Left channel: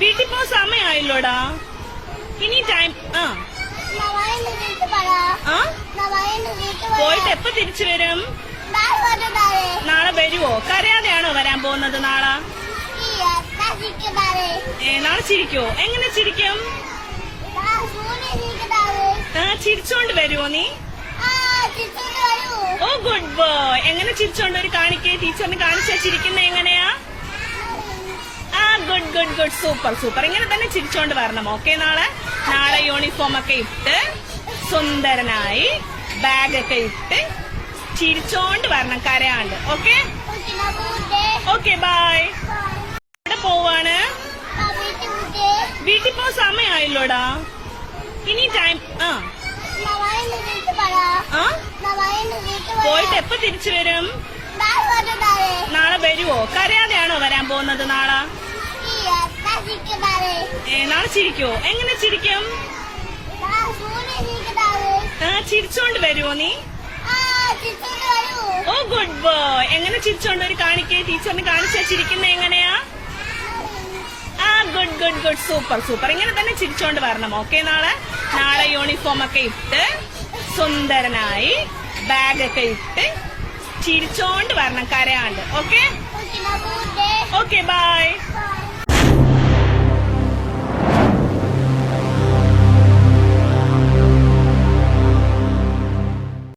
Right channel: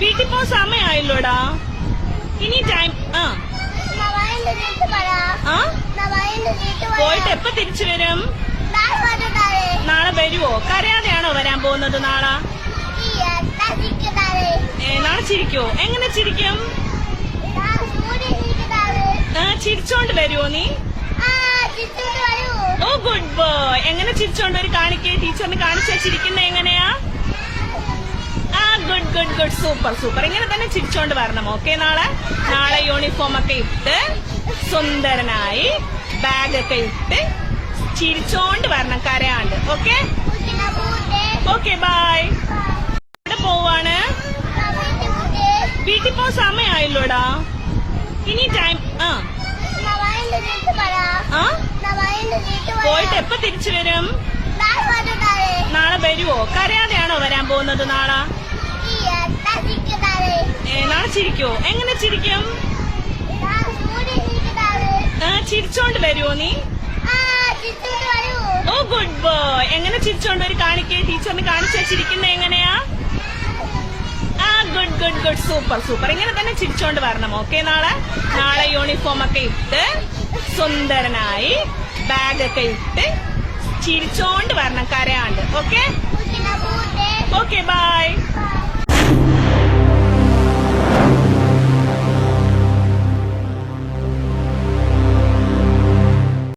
വീട്ടിൽ പോ സമയമായല്ലോടാ? ഇനി ടൈം ആ. ആ? പോയിട്ട് എപ്പോ തിരിച്ചു വരും? നാളെ വരുവോ? കരയാതെയാണോ വരാൻ പോകുന്നത് നാളെ? നാളെ ചിരിക്കോ? എങ്ങനെ ചിരിക്കും? ചിരിച്ചോണ്ട് വരുവോ നീ? Oh good boy. എങ്ങനെ ചിരിച്ചോണ്ട് ഒരു കാണിക്കേ? ടീച്ചറിന് കാണിച്ചാ ചിരിക്കുന്ന എങ്ങനെയാ? Good good good super super ഇങ്ങനെ തന്നെ ചിരിച്ചോണ്ട് വരണം ഓക്കെ നാളെ? നാളെ യൂണിഫോം ഒക്കെ ഇട്ട് സുന്ദരനായി ബാഗ് ഒക്കെ ഇട്ട് ചിരിച്ചോണ്ട് വരണം കരയാണ്ട് ഓക്കെ ഓക്കെ ബായ് എവിടെ പോവാണ്? വീട്ടിൽ പോ സമയമായില്ലോടാ? ഇനി ടൈം ആ. ആ? പോയിട്ട് എപ്പോ തിരിച്ചു വരും? നാളെ വരുവോ? കരയാതെയാണോ വരാൻ പോകുന്നത് നാളെ? നാളെ ചിരിക്കോ? എങ്ങനെ ചിരിക്കും? ചിരിച്ചോണ്ട് വരുമോ നീ? Oh good boy. എങ്ങനെ ചിരിച്ചോണ്ട് ഒരു കാണിക്കേ? ടീച്ചറിന് കാണിച്ചാ ചിരിക്കുന്ന എങ്ങനെയാ? ആ good good good. Super super. ഇങ്ങനെ തന്നെ ചിരിച്ചോണ്ട് വരണം ഓക്കെ നാളെ? നാളെ യൂണിഫോം ഒക്കെ ഇട്ട് സുന്ദരനായി ബാഗ് ഒക്കെ ഇട്ട് ചിരിച്ചോണ്ട് വരണം കരയാണ്ട്. ഓക്കെ? Okay bye